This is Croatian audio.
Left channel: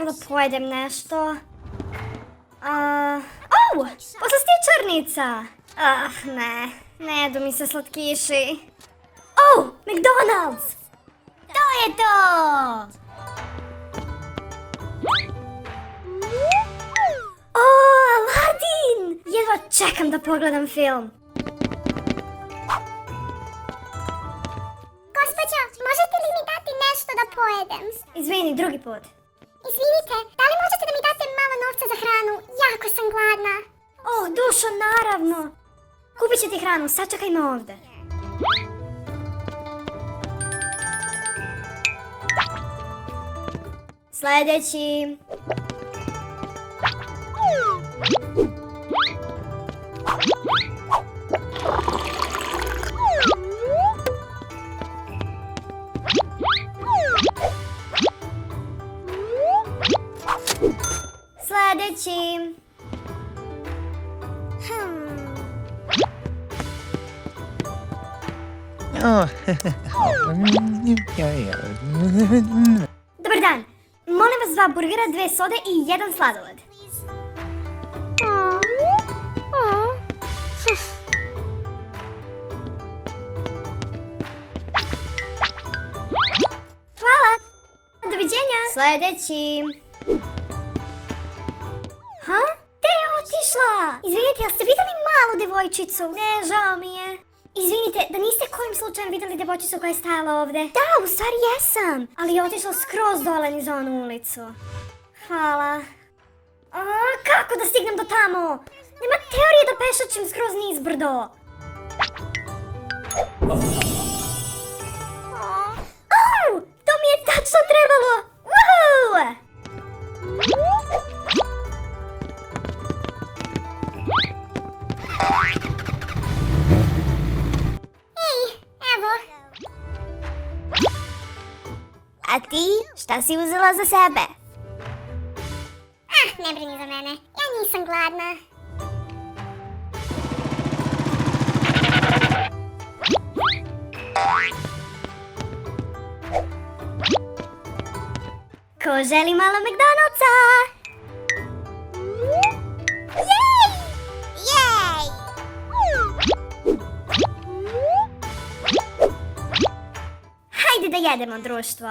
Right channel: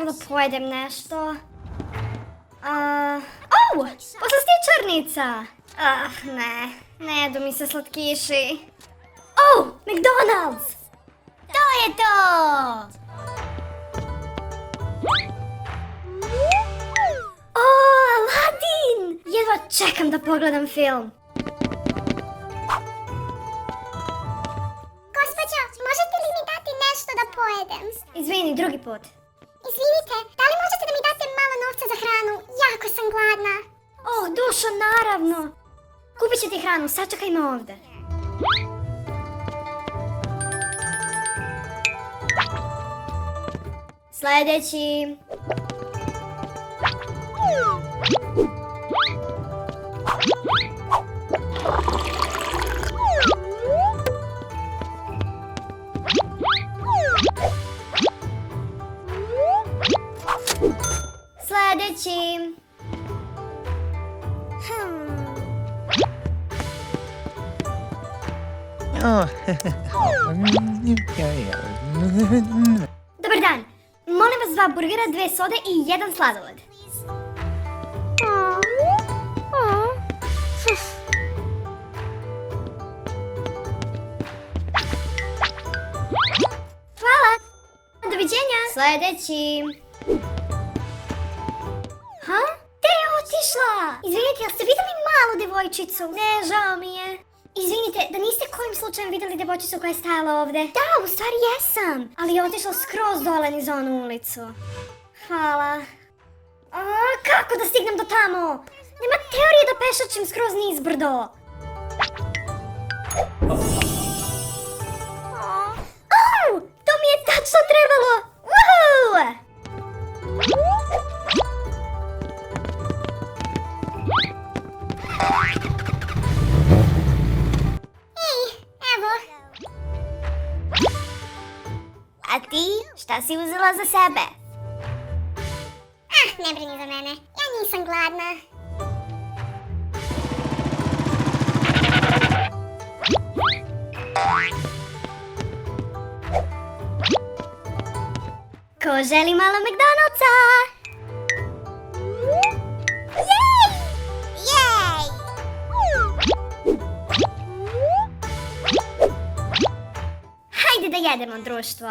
dobro da pojedem nešto. Poslastičarnica! Ne jedu mi se slatkiši. McDonald's! To je to! Aladdin! Jedva čekam da pogledam film. Gospođo, možete li mi dati nešto da pojedem? Izvini, drugi put. Izvinite, da li možete da mi date malo novca za hranu? Jako sam gladna. Dušo, naravno. Kupit ću ti hranu, sačekaj me ovdje. Sljedeći. Sljedeći. Dobar dan. Molim vas 2 burgera, 2 sode i 1 sladoled. Hvala. Doviđenja. Sljedeći. Gdje je otišla? Izvinite, jel ste vidjeli malu devojčicu? Ne, žao mi je. Izvinite, da niste kojim slučajem vidjeli devojčicu koja je stajala ovdje? Da, u stvari jesam. Ali je otišla skroz dole niz onu ulicu. Hvala. Kako da stignem do tamo? Nema teorije da pešačem skroz niz brdo. To mi je tačno trebalo. Woohoo! A ti, šta si uzela za sebe? Ne brini za mene, ja nisam gladna. Ko želi malo McDonald'sa? Jej! Hajde da jedemo, društvo.